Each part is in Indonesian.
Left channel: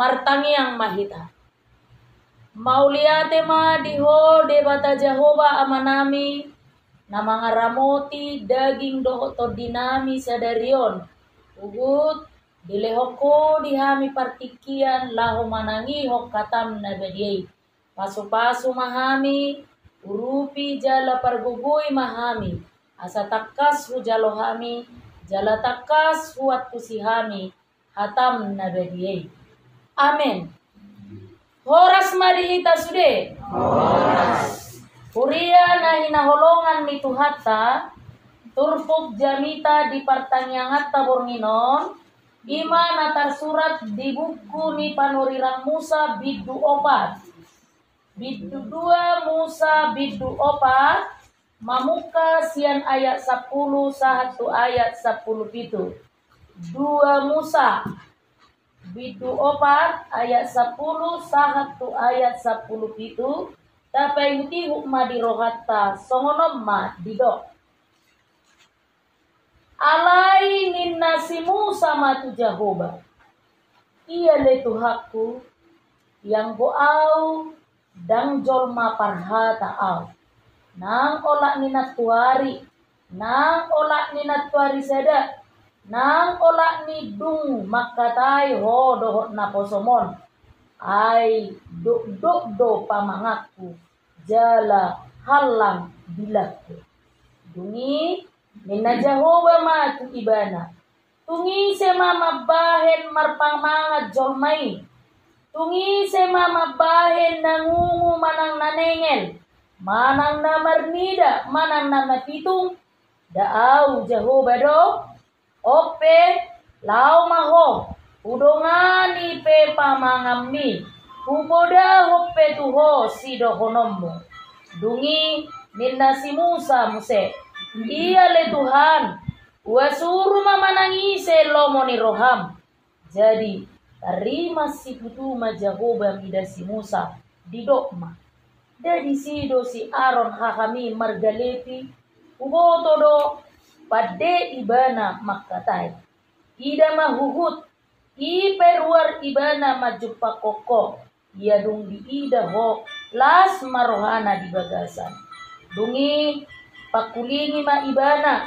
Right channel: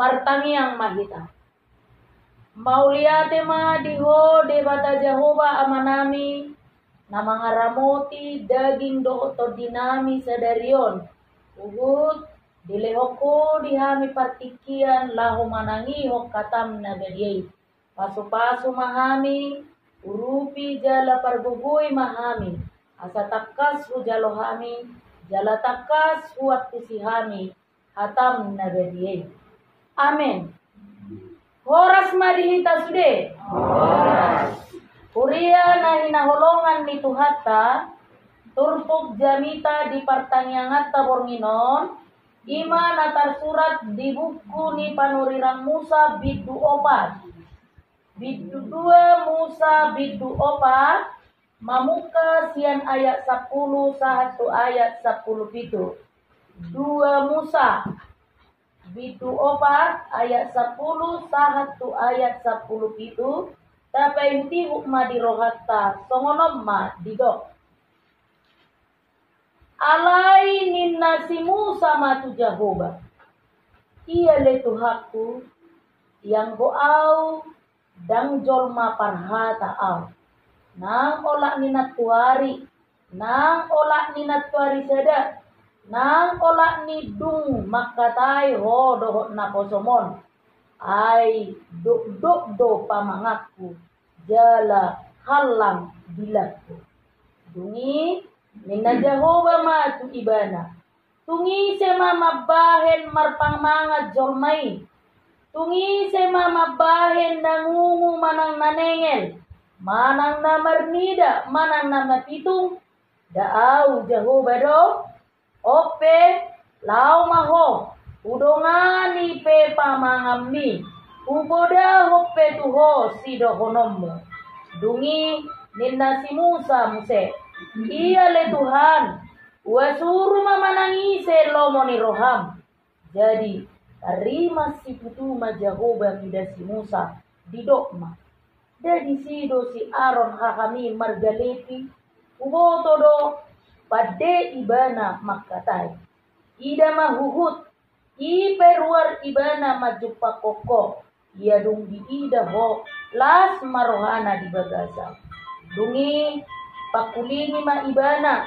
martangi yang mahita. Mauliate ma diho debata Jehovah amanami na mga ramoti daging dohoto dinami sadarion. Ugut dilehoko dihami partikian laho manangi hok katam na badiyay. Pasu-pasu mahami urupi jala pargugoy mahami. Asa takas hu jalohami jala takas huat kusihami hatam na badiyay. Amen. Horas marihita sude. Horas. Huria na hinaholongan ni Tuhata, turpuk jamita di pertanyaan bornginon, ima natar surat di buku ni panurirang Musa bidu opat. Bidu 2 Musa bidu opat, mamuka sian ayat 10 sahatu ayat 10 pitu. 2 Musa bidu opat ayat 10 sahatu ayat 10 pitu. Tapay hindi hukma di rohata songonom ma didok. Alay ninna si Musa matu Jehovah. Ia le Tuhaku yang goau dang jolma parhata au. Nang olak ninat tuari, nang olak ninat tuari seda. Nang olak ni dung makatai ho dohot na posomon. Ai do pamangaku jala halang bilaku. Dungi mina Jehovah matu ibana. Tungi se mama bahen marpamangat jolmai. Tungi se mama bahen nangungu manang nanengel. Manang namarnida, manang namapitung. Daau Jehovah do. Ope lau maho udongani pe pamangamni uboda hope tuho sido honommu dungi minna si Musa muse iya le Tuhan wasuru mamanangi se lomoni roham jadi terima si putuma Jehovah mida si Musa di dokma dari sido si Aaron hahami margalepi uboto do pada ibana makatai. Ida mahuhut. I peruar ibana majupa koko. Ia dung di ida ho. Las marohana di bagasan. Dungi pakulingi ma ibana.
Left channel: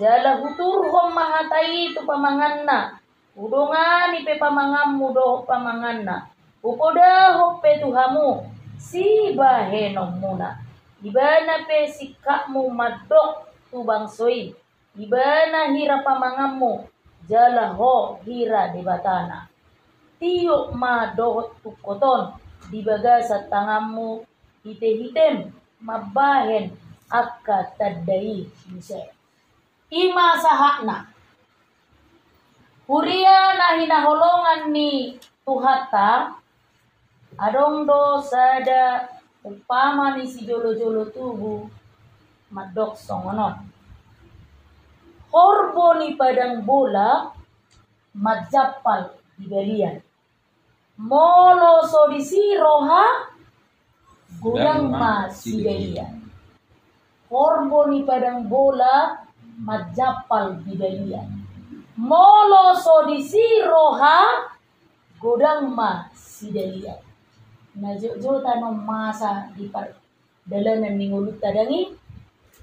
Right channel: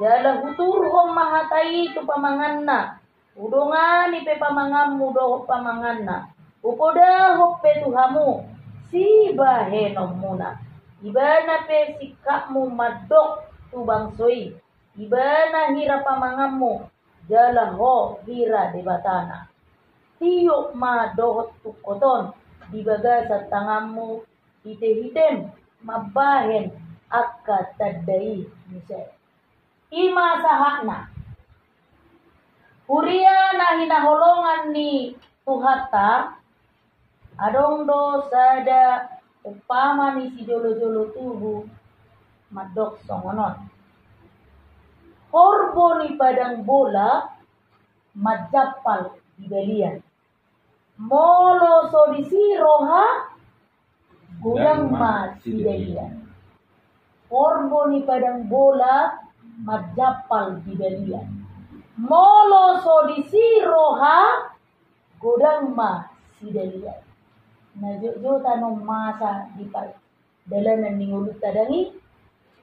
Jala hutur ho mahatai tu pamanganna. Udongani pe pamangammu do pamanganna. Upoda ho pe tuhamu. Si bahenom muna. Ibana pe sikakmu madok tu bangsoi. Ibana hira pamangammu jala ho hira debatana. Tiuk ma dohot tukoton di bagasat tangammu hite-hitem mabahen akka tadai mise. Ima sahakna. Huria na hinaholongan ni Tuhata adong do sada upama ni si jolo-jolo tubuh madok songonon. Horbo ni padang bola majapal di balian. Molo sodisi roha gudang ma sidelian. Horbo ni padang bola majapal di balian. Molo sodisi roha gudang ma sidelian. Na jo tanong masa di dalanan ni ngulut tadangi.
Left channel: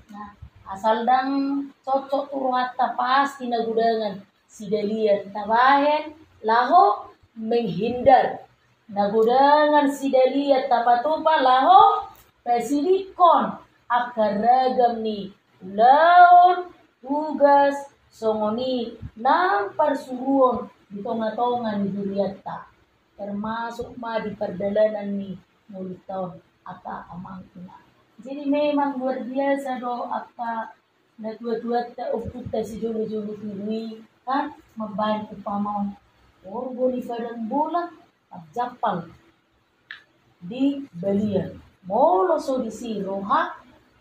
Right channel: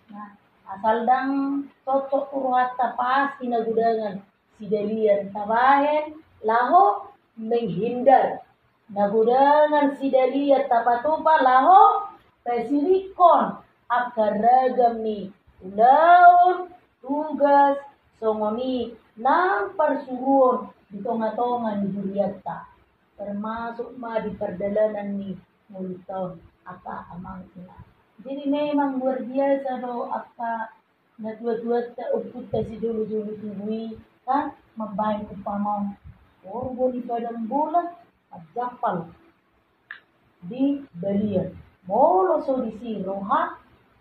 Nah, asal dang cocok turuhata pasti nagudangan si dalian tabahen laho menghindar nagudangan si dalian tapatupa laho pesilikon akar ragam ni ulaun tugas songoni nang parsuruon di tonga-tonga ni duriata termasuk ma di perdalanan ni mulut tahun apa amang ina. Jadi memang luar biasa do apa na dua-dua ta uputa si julu-julu tului kan membaik upamau orbo di padang bola japal di balian molo so di si roha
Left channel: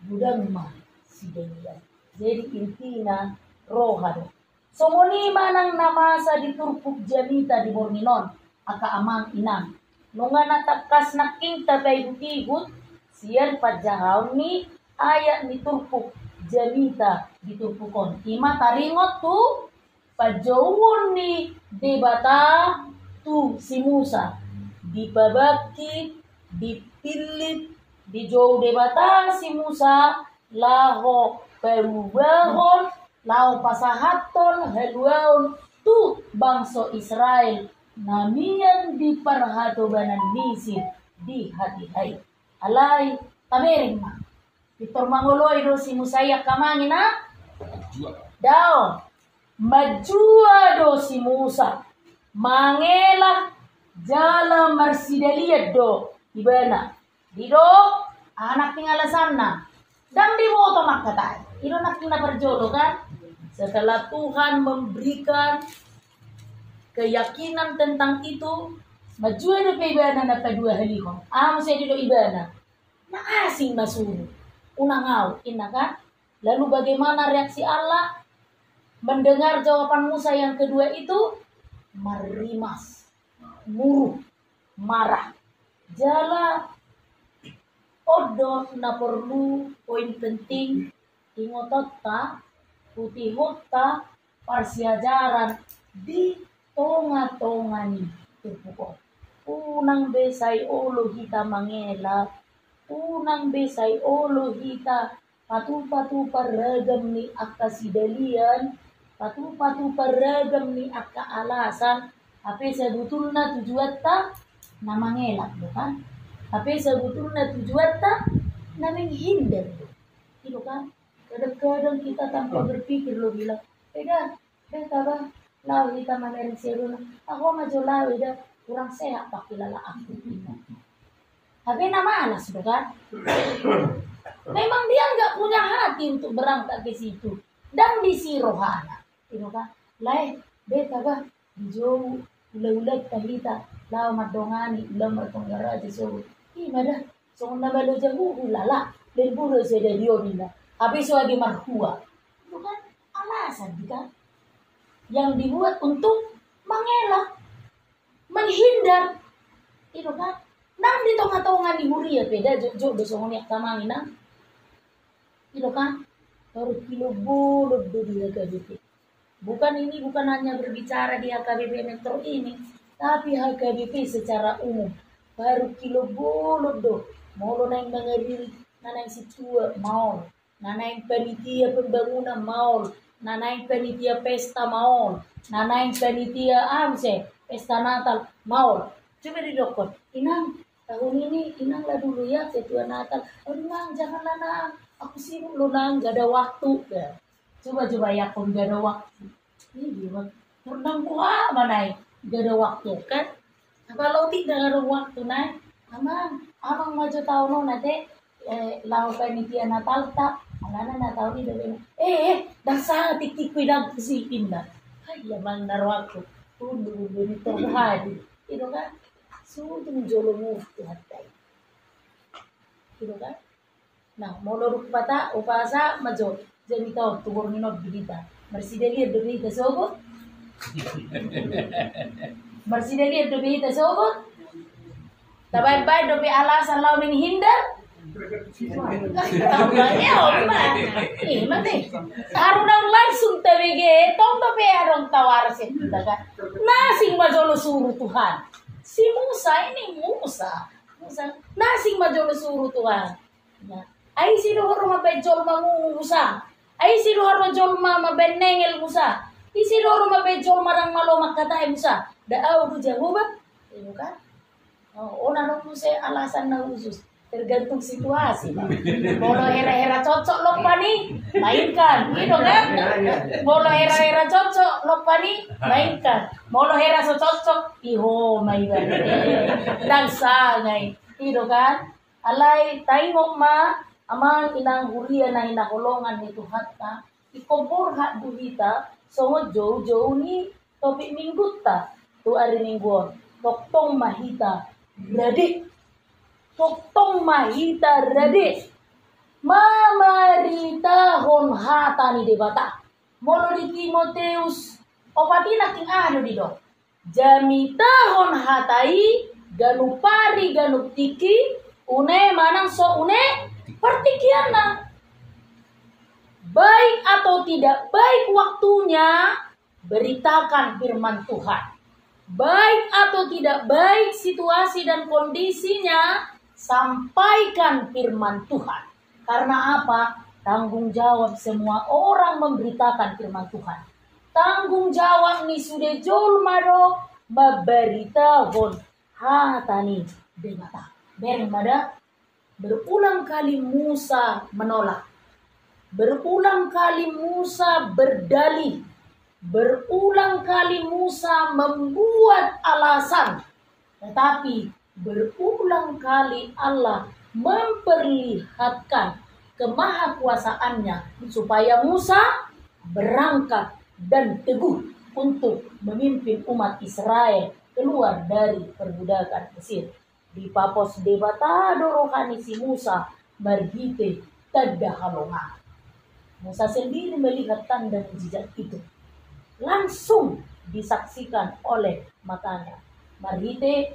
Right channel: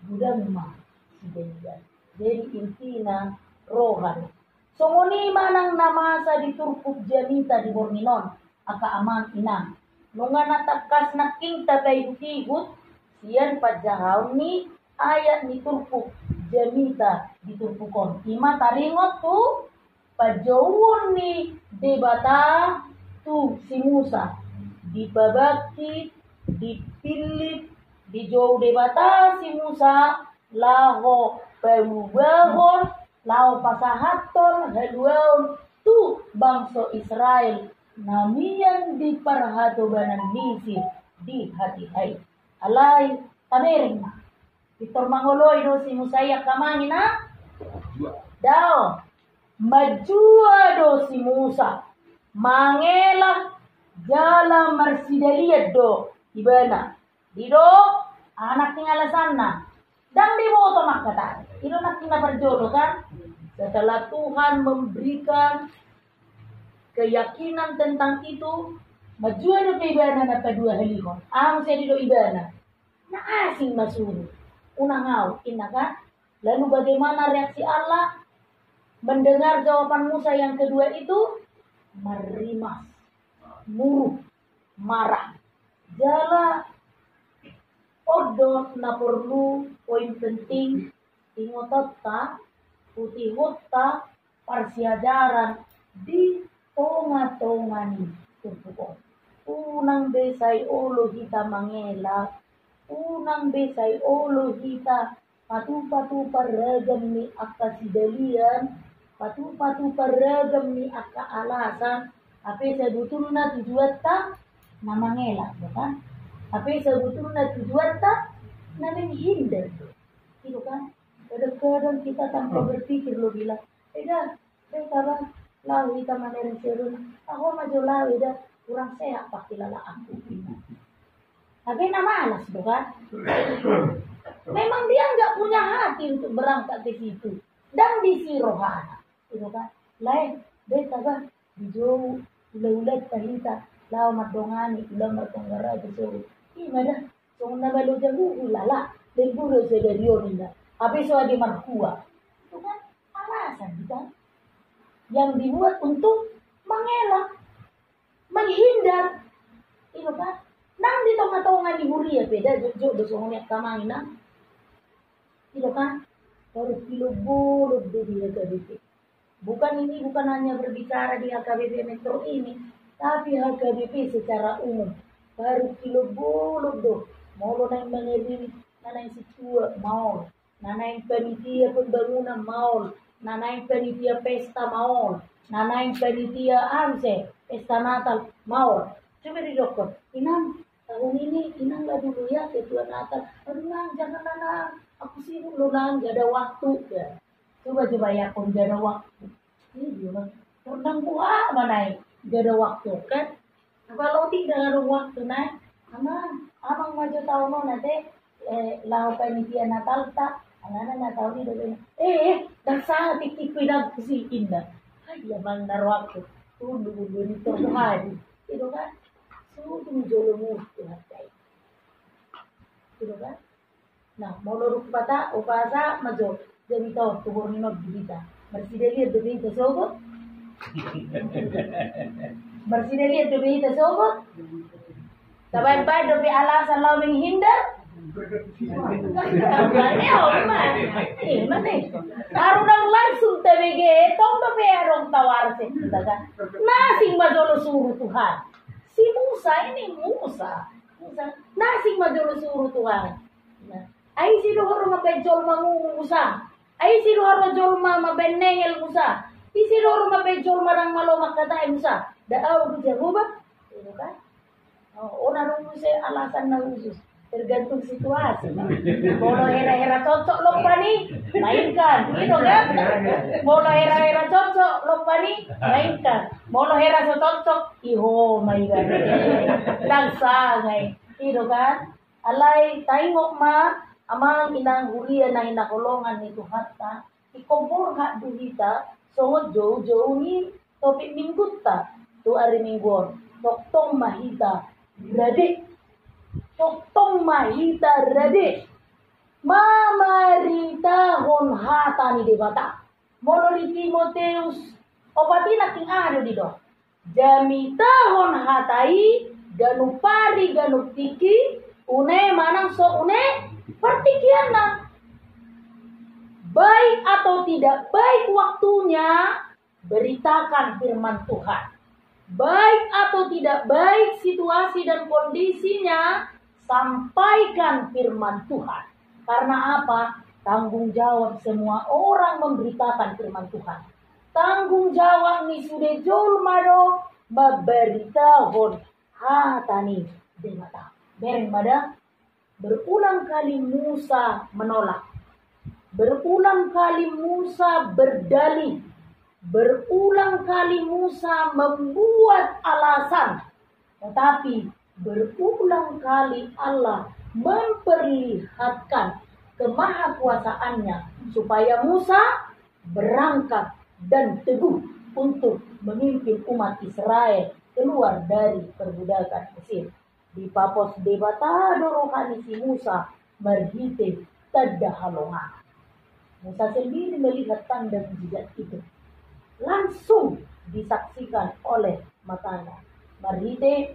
gudang ma si balian. Jadi intina roha do. Somoni manang namasa di turpuk jamita di borninon aka amang inang. Nunga natakas naking tabay hutigut siyan pajahaw ni ayat ni turpuk jamita di turpukon. Ima taringot tu pajawon ni debata tu si Musa dipabakti, dipilih, dijauh debata si Musa laho perubahon, laho pasahaton haluaon tu bangsa Israel namian di parhatobanan misi di hati hai alai tabering ma Victor mangoloi do si Musaya kamani na dao majua do si Musa mangela jala marsidelia do ibana dido anak tinggal sana dan di moto makata itu nak tinggal berjodoh kan setelah Tuhan memberikan keyakinan tentang itu majua do ibana na kedua halihon saya dido ibana na asing masuru unang ngau ina kan lalu bagaimana reaksi Allah mendengar jawaban Musa yang kedua itu marimas muruk marah jala odo na perlu poin penting ingotot ta putih hota parsiajaran di tonga-tongani terpukul unang besai olo hita mangela unang besai olo hita patu-patu paragam ni akka sidalian patu-patu paragam ni akka alasan tapi sebetulnya tujuan ta na mangelak bukan tapi sebetulnya tujuan ta na menghindar gitu kan kadang-kadang kita tanpa berpikir lo bilang dah bang lau kita manerin seruna aku maju lau dah kurang sehat pakai lala aku ini tapi na malas bukan memang dia nggak punya hati untuk berangkat ke situ dan di si rohana gitu kan lain beta bah dijauh ulat-ulat kahita lau madongani ulang matongara aja so dah so na balu jahu ulala dan buru saya dionina habis so di marhua itu kan alasan kan yang dibuat untuk mengelak menghindar itu kan nang di tengah-tengah di huria beda jok dosongnya kamangin nang itu kan baru kilo bolot di HKBP bukan hanya berbicara di HKBP Metro ini tapi HKBP secara umum baru kilo bolot do mau naik mengadiri naik situa mau naik panitia pembangunan mau naik panitia pesta mau naik panitia amse pesta Natal mau coba di dokter inang tahun ini inang lah dulu ya ketua Natal aduh nang janganlah nang aku sibuk lo nang gak ada waktu ya coba ya pun gak ada waktu ini dia nang buah mana gak ada waktu kan kalau tidak ada waktu nang amang maju tahun nanti lau panitia Natal tak anak Natal ini dah dah sangat titik kuidang kesipin dah ya mang narwaktu tunggu ini terhadi itu kan sudah jolomu hatai itu kan nah molor pata upasa majo jadi tahu turun minot berita bersidelir berita sobat bersidelir berita sobat tabai-bai dobi alasan lau menghindar Arudang langsung TBG, tong tapi arong tawar sih, nasing majolo suruh Tuhan. Si Musa ini Musa, nasing majolo suruh Tuhan. Nah, ai si dohor mabejol Musa, ai si dohor majol mabenengel Musa, isi dohor mabejol marang malo makata Musa. Daaw du Jehovah, itu kan? Oh, narong Musa alasan na khusus. Tergantung situasi. Kalau hera-hera cocok lupa nih, mainkan, gitu kan? Kalau hera-hera cocok lupa nih, mainkan. Kalau hera cocok, iho mainkan. Dan sangai, gitu kan? Alay tengok ma, amang inang huria na hinakulongan itu hatta, ikumpul hak duhita, songo jauh-jauh ni topik minggu ta, tu hari mingguan, toktong mahita, berarti Totong mahita radis mamarita hon hatani debata molo di Timoteus opati naking ano di do jamita hon hatai ganupari ganuptiki une manang so une pertikian na baik atau tidak baik waktunya beritakan firman Tuhan baik atau tidak baik situasi dan kondisinya, sampaikan firman Tuhan. Karena apa? Tanggung jawab semua orang memberitakan firman Tuhan. Tanggung jawab ni sudah jolmado memberitakan hatani demata. Bereng mada, berulang kali Musa menolak. Berulang kali Musa berdalih. Berulang kali Musa membuat alasan. Tetapi berulang kali Allah memperlihatkan kemahakuasaannya supaya Musa berangkat dan teguh untuk memimpin umat Israel keluar dari perbudakan Mesir. Di papos debatado rohani si Musa merhite tadahalonga. Musa sendiri melihat tanda mujizat itu. Langsung disaksikan oleh matanya. Marhite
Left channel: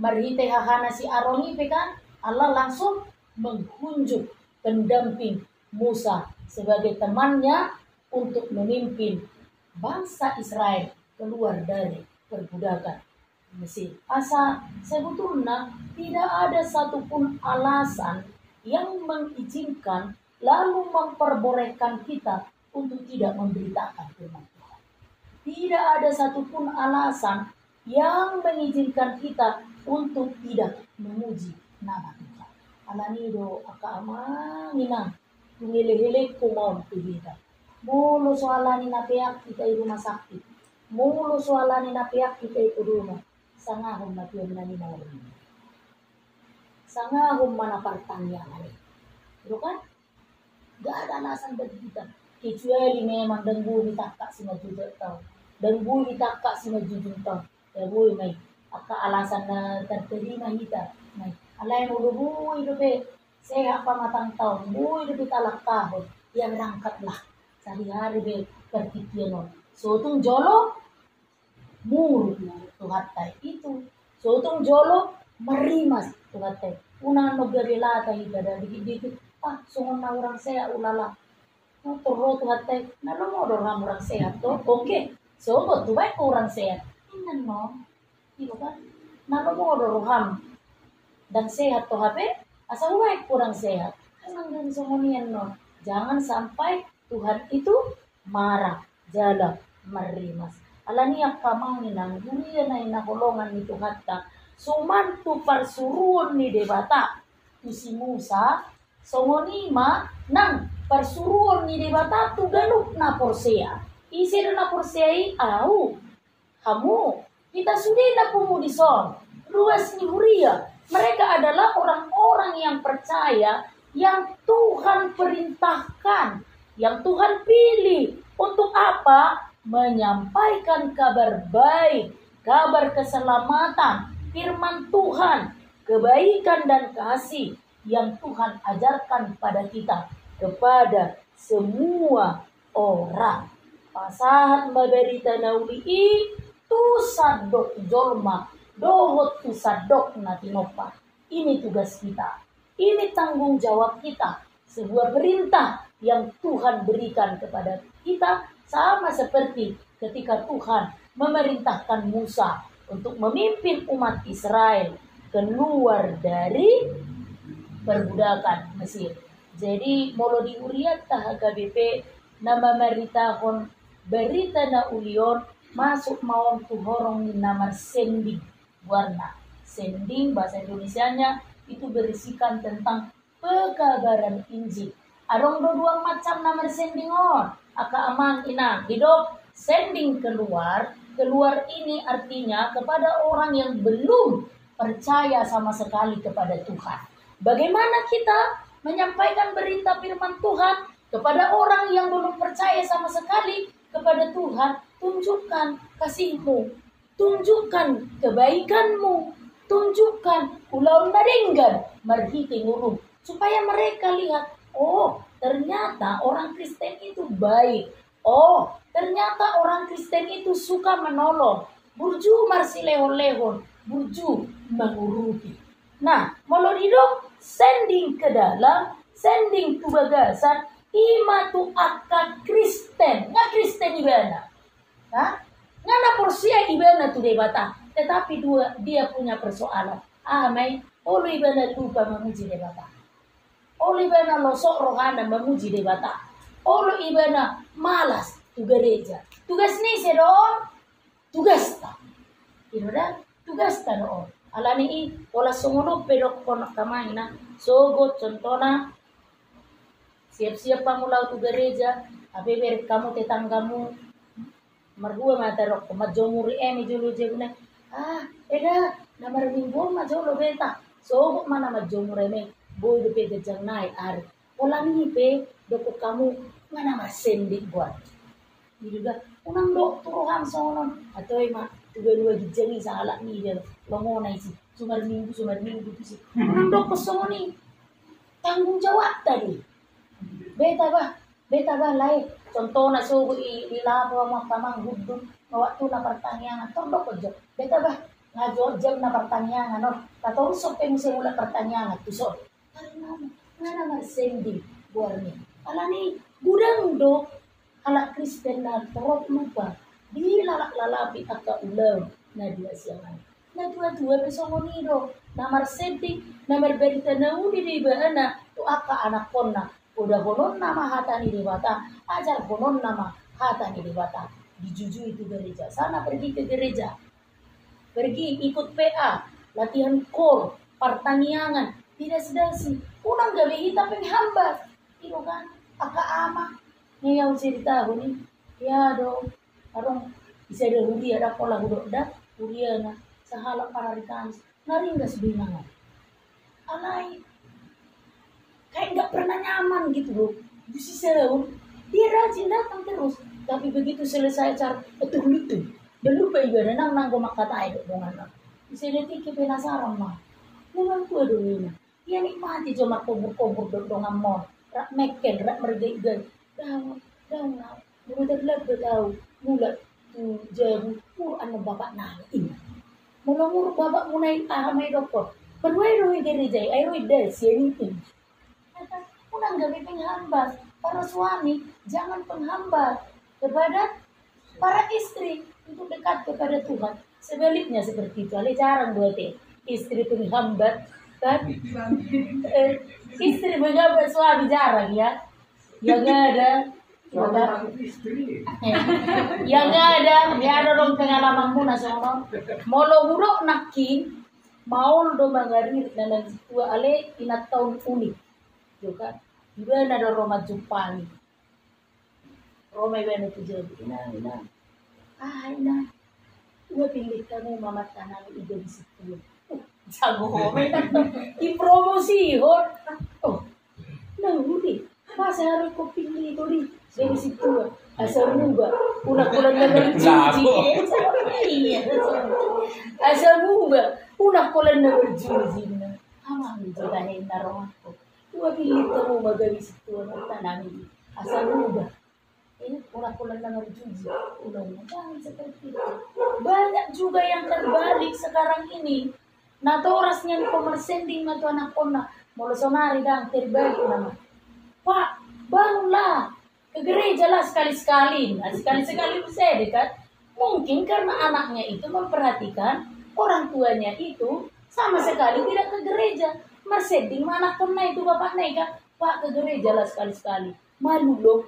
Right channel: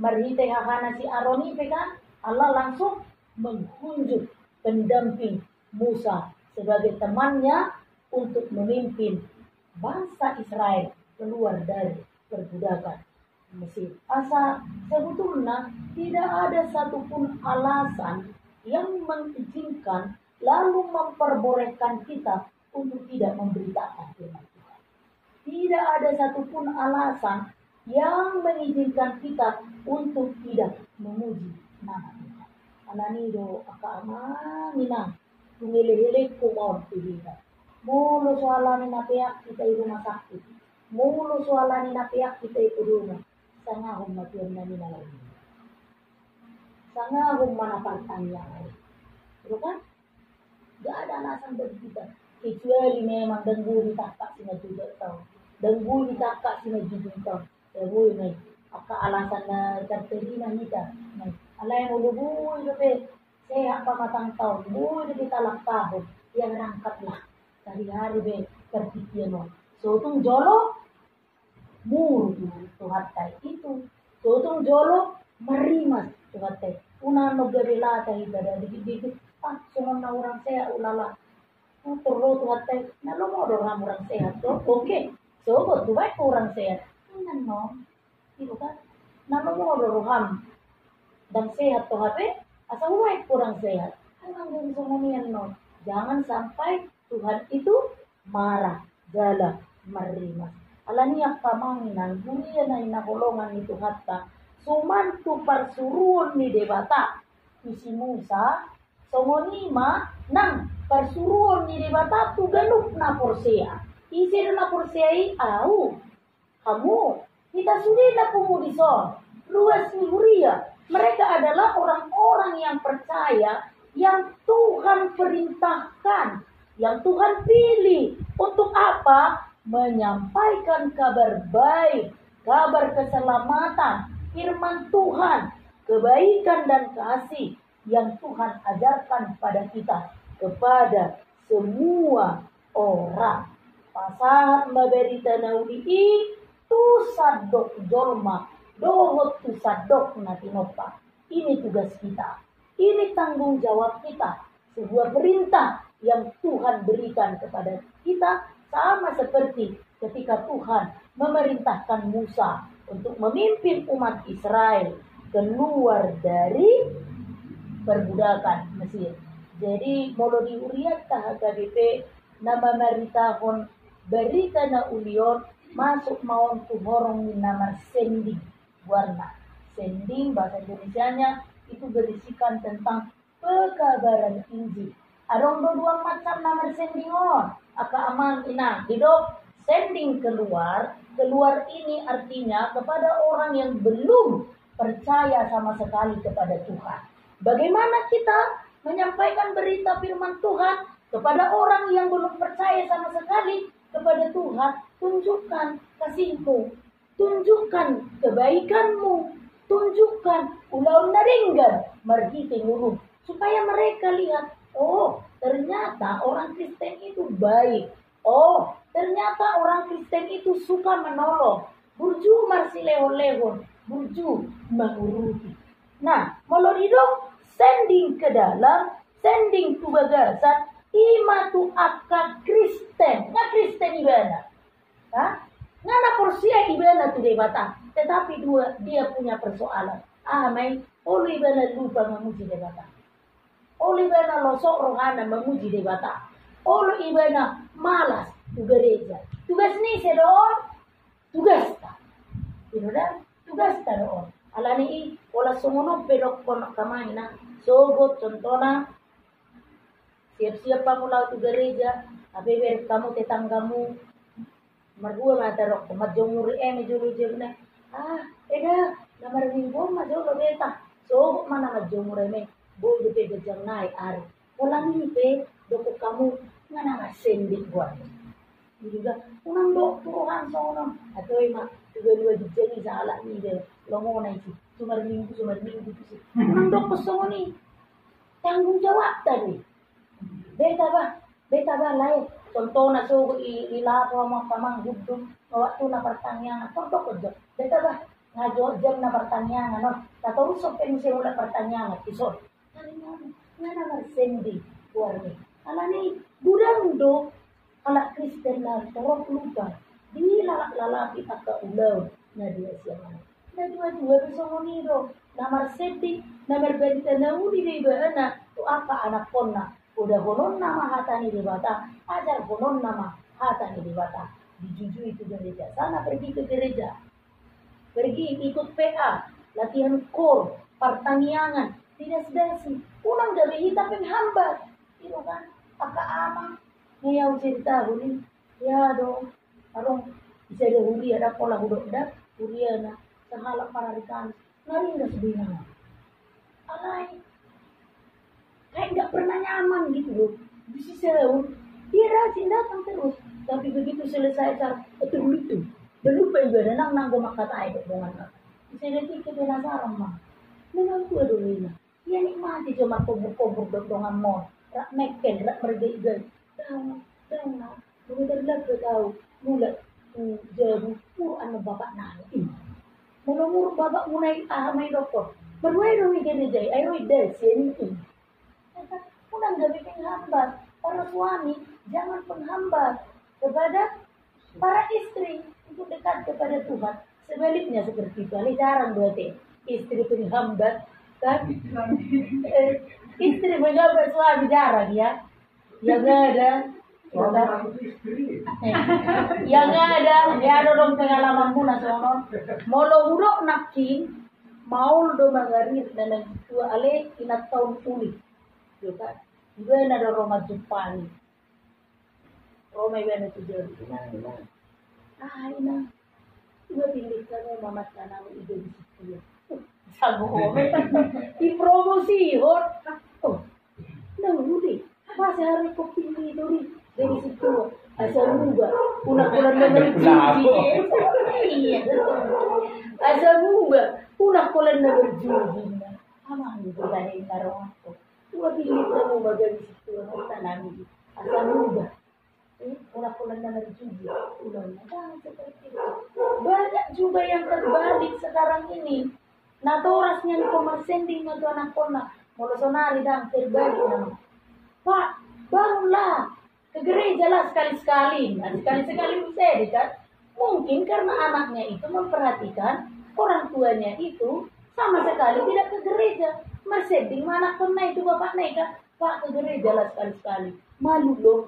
marhite hahana si Aroni kan Allah langsung menghunjuk pendamping Musa sebagai temannya untuk memimpin bangsa Israel keluar dari perbudakan Mesir. Sebetulnya tidak ada satupun alasan yang mengizinkan lalu memperbolehkan kita untuk tidak memberitakan firman Tuhan. Tidak ada satupun alasan yang mengizinkan kita untuk tidak memuji nama Tuhan. Alanido akaamangina tungele-hele kumon kita. Mulu soalani napeak kita di rumah sakit. Mulu soalani napeak kita di rumah. Sangahum na piyon na ninalawin. Sangahum mana pertanyaan. Itu kan? Gak ada alasan bagi kita. Kecuali memang denggu ditakak si majujud tau. Denggu ditakak si majujud tau. Ya boy may. Aka alasan na terterima kita. May. Alay mo lubuy dobe. Sehat pa matang taon. Buy dobe talak tahun. Yang rangkatlah. Sehari-hari be pertikiano. So itong jolo. Muru tuhatay itu. So itong jolo. Marimas tuhatay. Una nogarilata ita. Dikit-dikit. Sungon na orang sehat ulala. Turro tuhatay. Nalumodor na orang sehat to. Okay. So buat tuway ko orang sehat. Tingnan mo. Diba kan? Nalumodor ham. Dan sehat to hape, asa huwag kurang sehat. Hanggang sumamian no. Jangan sampai Tuhan itu marah, jala, marimas. Alaniyak kamanginan, durian na inakulongan ni Tuhan ta. Sumantu parsuruan ni debata. Si Musa, songonima, nang parsuruan ni debata, tuganuk na porsea. Isir na porsea au. Kamu, kita sudah na pumudison. Luas ni huria. Mereka adalah orang-orang yang percaya, yang Tuhan perintahkan, yang Tuhan pilih. Untuk apa? Menyampaikan kabar baik, kabar keselamatan, firman Tuhan, kebaikan dan kasih yang Tuhan ajarkan pada kita, kepada semua orang. Pasahat maberita nauli tu sadok jolma. Dohot tu sadok na tinopa. Ini tugas kita. Ini tanggung jawab kita. Sebuah perintah yang Tuhan berikan kepada kita. Sama seperti ketika Tuhan memerintahkan Musa untuk memimpin umat Israel keluar dari perbudakan Mesir. Jadi molo di uriat tah KBP nama meritahon berita na ulion masuk mawang tuhorong ni namar sending. Warna sending bahasa Indonesianya itu berisikan tentang pekabaran Injil. Adong dua macam nama sending on. Aka amang inang hidup sending keluar ini artinya kepada orang yang belum percaya sama sekali kepada Tuhan. Bagaimana kita menyampaikan berita firman Tuhan kepada orang yang belum percaya sama sekali kepada Tuhan? Tunjukkan kasihmu. Tunjukkan kebaikanmu, tunjukkan ulau naringgan marhiti ngurung, supaya mereka lihat, oh ternyata orang Kristen itu baik, oh ternyata orang Kristen itu suka menolong, burju marsilehon-lehon, burju menguruti. Nah, molor hidup sending ke dalam, sending ke bagasan, ima tu akka Kristen, nga Kristen ibana, ha? Ngana porsia ibana tu debata. Tetapi dia punya persoalan. Mai, olu ibana lupa memuji debata. Olu ibana losok rohana memuji debata. Olu ibana malas tu gereja. Tugas ni sedon. Tugas ta. Ino dah tugas ta doon. Alani wala sungono pedok konak kamay na. Sogot contohna siap-siap pamulaw tu gereja. Abeber kamu tetanggamu mardua matarok majomuri julu jebne. Eda namar minggu majolo beta. So mana majomuri me boy de pe jang nai ar. Wala ni pe doko kamu mana masendik buat. Juga unang dok turuhan sono atau ema dua gijangi salah ni dia longona isi sumar minggu tu sih. Unang dok pesoni tanggung jawab tadi. Beta bah lai contoh na so ilapo mo tamang guddo waktu na pertanyaan tordok ko beta bah ngajo jam na pertanyaan no tato so pe mula pertanyaan tu so karena ngana marsendi buarni alani gudang do ala Kristen na torok lupa di lalak-lalapi akka ulaw na dua siangan na dua besok nido namar setting namar berita na udi di baana tu akka anak ponna udah honon nama hatani debata ajar honon nama hatani debata dijujui itu gereja sana pergi ke gereja pergi ikut PA latihan kor pertaniangan tidak sedasi unang gabi hitam penghambat itu kan aka ama yang cerita ini ya dong arong bisa ada huri ada pola hudok dah huriana sahala pararikan nari nggak sebinang alai kayak nggak pernah nyaman gitu loh. Bisa sahur, dia rajin datang terus. Tapi begitu selesai acara, itu lucu. Dan lupa ibadah nang gue makat air dong anak. Bisa detik ke penasaran mah. Memang gue dulu ini. Dia nikmati cuma kubur-kubur dong amon. Rak meken, rak merdeka. Daun nak. Bener-bener tahu. Mula tu jabu Quran bapak nangin. Mula bapak mulai amai dokter. Berwai gereja, ayo des ini. Unang gabi penghambat. Para suami jangan penghambat kepada para istri untuk dekat kepada Tuhan. Sebaliknya seperti itu. Ale jarang buat istri penghambat kan? Istri penghambat suami jarang ya. Ya gak ada. Ya gak ada. Ya ada dong pengalamanmu nasono. Molo buruk nakin maul do mangarir dan tua ale inat tahun unik. Juga juga ada Roma Jepang. Roma yang itu jadi ina. Gue pilih kamu mama tanam ide di situ. Jago home. Dipromosi hor. Oh. Nah, udah. Masa harus kau pilih itu dari situ. Asal muba. Unak-unak nomor juji. Iya. Asal muba. Unak-unak nomor juji. Amang juga hina Roma. Gua pilih kamu bagai situ tanami asal muda. Pulang-pulang dengan juji. Ulangnya jangan seperti itu. Banyak juga yang terbalik sekarang ini. Nah, torasnya komersending atau anak kona. Molosonari dan terbalik nama. Pak, bangunlah. Ke gereja lah sekali-sekali. Nah, sekali-sekali bisa dekat. Mungkin karena anaknya itu memperhatikan orang tuanya itu sama sekali tidak ke gereja. Merseding mana pernah itu bapak naik kan? Pak ke gereja lah sekali-sekali. Malu loh.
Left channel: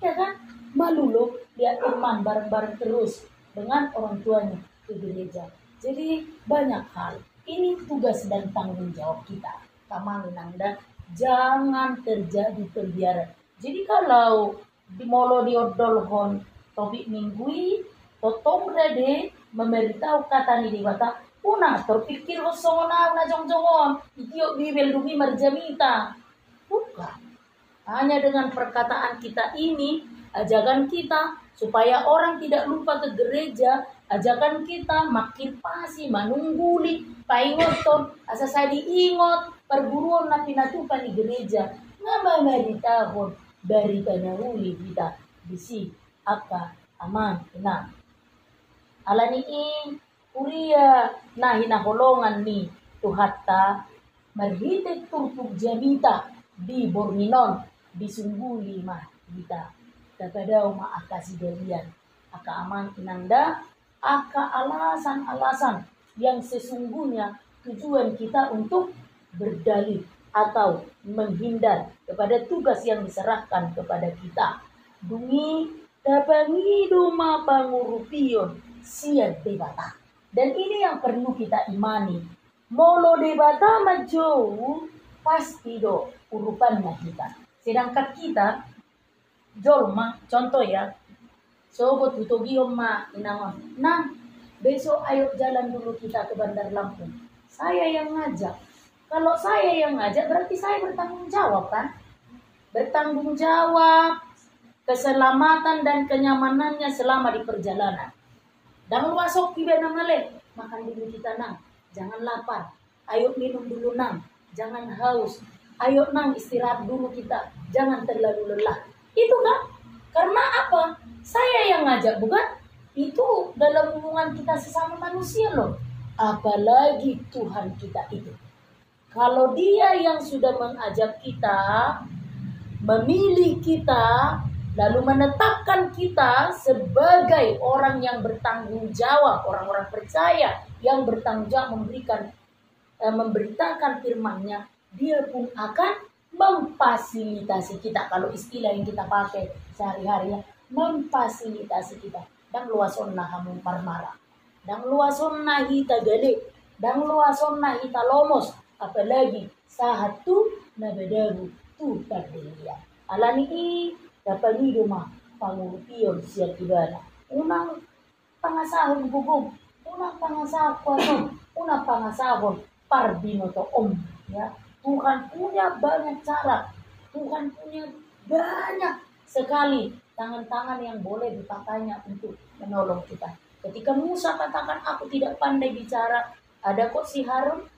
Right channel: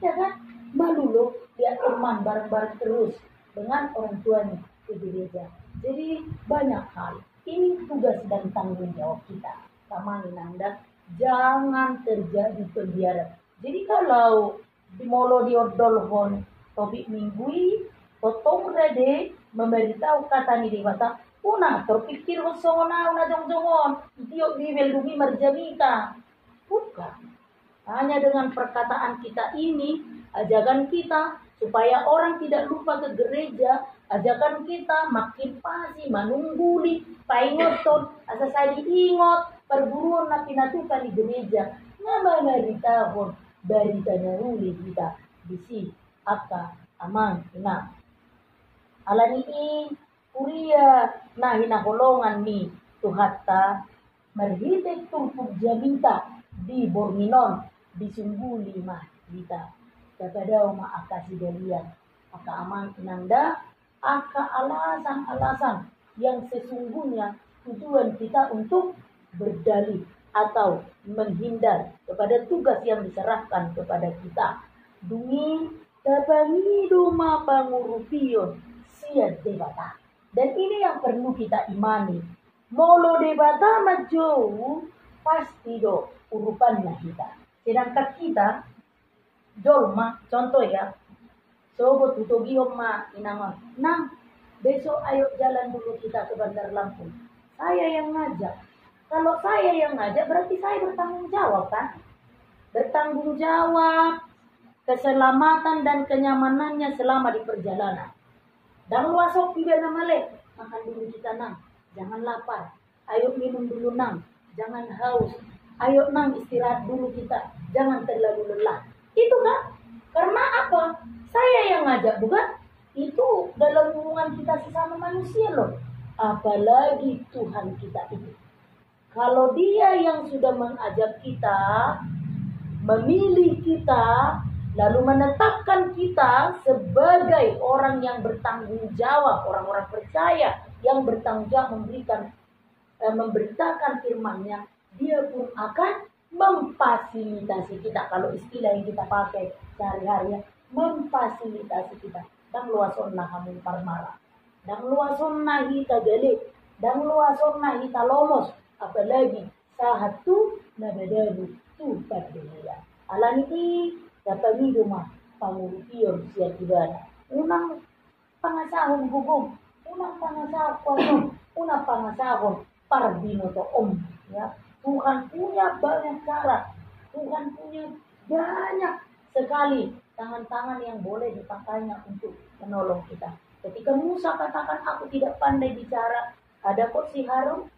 Ya kan? Malu loh. Dia teman bareng-bareng terus dengan orang tuanya ke gereja. Jadi banyak hal. Ini tugas dan tanggung jawab kita. Kamang nanda. Jangan terjadi pembiaran. Jadi kalau di molo di odolhon topik minggui totong rede memberitahu kata ni di bata. Una terpikir wasona una jong-jongon itiok bibel dumi marjamita. Bukan. Hanya dengan perkataan kita ini, ajakan kita supaya orang tidak lupa ke gereja, ajakan kita makin pasti manungguli, paingoton, asa saya diingot, perburuan na pinatukan di gereja. Nga maritahon dari tanahuli kita bisi akka aman ina. Alani Kuria na hinaholongan ni Tuhatta marhitek tungkog jamita di Borminon di Sungguli mah kita. Kakadaw maakas galian aka aman inanda, aka alasan-alasan yang sesungguhnya tujuan kita untuk berdalih atau menghindar kepada tugas yang diserahkan kepada kita. Dungi tabangi doma pangurupion siad debata. Dan ini yang perlu kita imani. Molo debata majou pasti do urupannya kita. Sedangkan kita jolma, contoh ya, sobo tutogiom ma inangon, nang besok ayo jalan dulu kita ke Bandar Lampung. Saya yang ngajak. Kalau saya yang ngajak berarti saya bertanggung jawab kan? Bertanggung jawab keselamatan dan kenyamanannya selama di perjalanan. Dan luasok tiba namale, makan dulu kita nang, jangan lapar. Ayo minum dulu nang, jangan haus. Ayo nang istirahat dulu kita, jangan terlalu lelah. Itu kan? Karena apa? Saya yang ngajak, bukan? Itu dalam hubungan kita sesama manusia loh. Apalagi Tuhan kita itu. Kalau Dia yang sudah mengajak kita, memilih kita, lalu menetapkan kita sebagai orang yang bertanggung jawab, orang-orang percaya yang bertanggung jawab memberitakan firman-Nya, Dia pun akan memfasilitasi kita. Kalau istilah yang kita pakai sehari-hari ya, memfasilitasi kita. Dan luason na hamung parmara, dan luason na hita gede, dan luason na hita lomos, apalagi saat tu nabadaru tu pardelia. Alani i dapat ni rumah pangurupion siat ibana. Unang pangasahon gugum, unang pangasahon kuanom, unang pangasahon parbinoto om. Ya, Tuhan punya banyak cara, Tuhan punya banyak sekali tangan-tangan yang boleh dipakainya untuk menolong kita. Ketika Musa katakan aku tidak pandai bicara, ada kok si Harun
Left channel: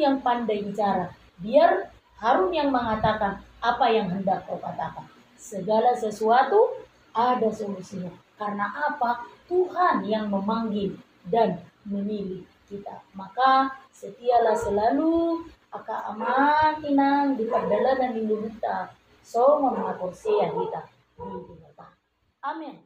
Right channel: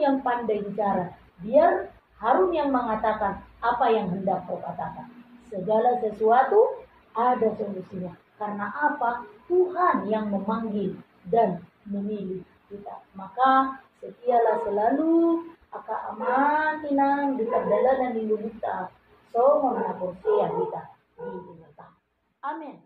yang pandai bicara. Biar Harun yang mengatakan apa yang hendak kau katakan. Segala sesuatu ada solusinya. Karena apa? Tuhan yang memanggil dan memilih kita. Maka setialah selalu aka aman inang di pagdala dan lindung kita. So, mga porsiya kita. Amin.